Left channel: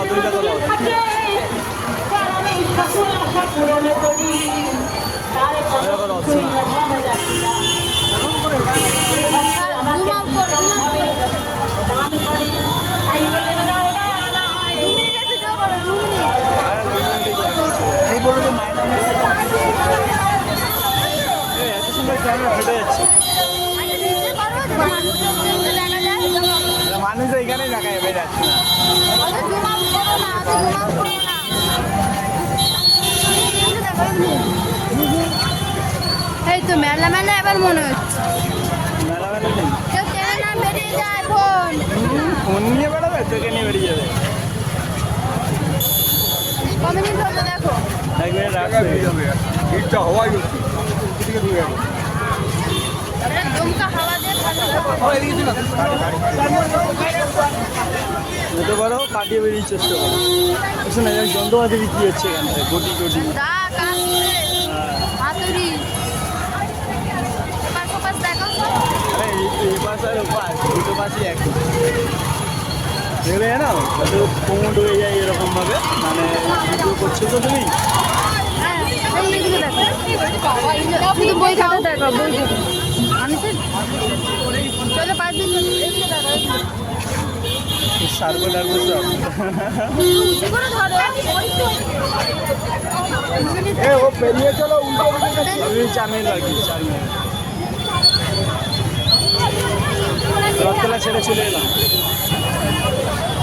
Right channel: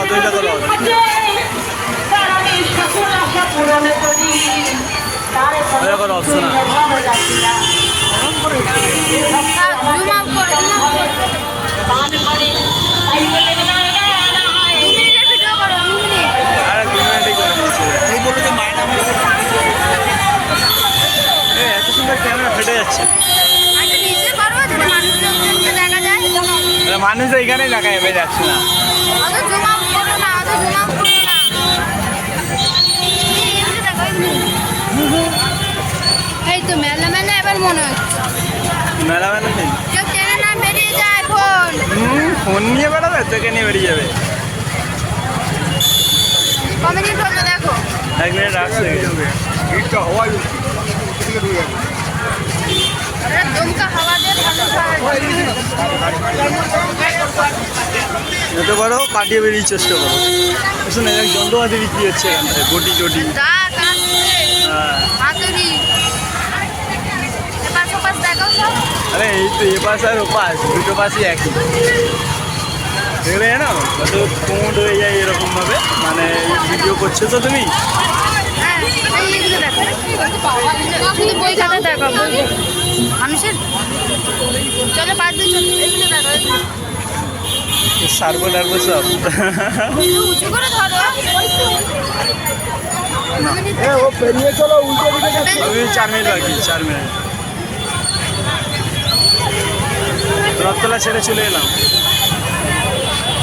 রথ, ওই দেখো রথ। দেখো রথ শোনা। এত সুন্দর ক্যামেরা ফেটে যাচ্ছে। মানুষ এখানে দেখা যাবে, যাচ্ছে না। এই তো মেলা মেলা এবার মনে হচ্ছে মেলা মেলা নেই, কেউ টেনে না বেরিয়ে যায় ফোন। ফোন নিয়ে বেড়াবে, তোকে নিয়ে বেরিয়ে যাবে। ক মিনিট হলো দেখো, 1 মিনিট আসছে। দমকা হাওয়া যেতে পারো, কাটিয়ে বেরিয়ে চেষ্টা করো। শোনা যাক, যন্ত্রপাতি বিক্রি হচ্ছে এখানটায়, বটি টটি। হ্যাঁ, আরে এই তো এপাশ আর ওপাশ, দুটো পাশই একই। দেখলে জানো কত কোমোড হয়ে যায় এরকমভাবে, মানে ভিডিও করছো তো তুমি। বই খাতা দেখো, মানুষের চলো পাঁচ দিন দেখো, সার্বো টার্বো সব। উঁচু করে ধরো। আমি 4 মিনিট বাকি, 4 মিনিট। রথতলা ছেড়ে চলে এলাম।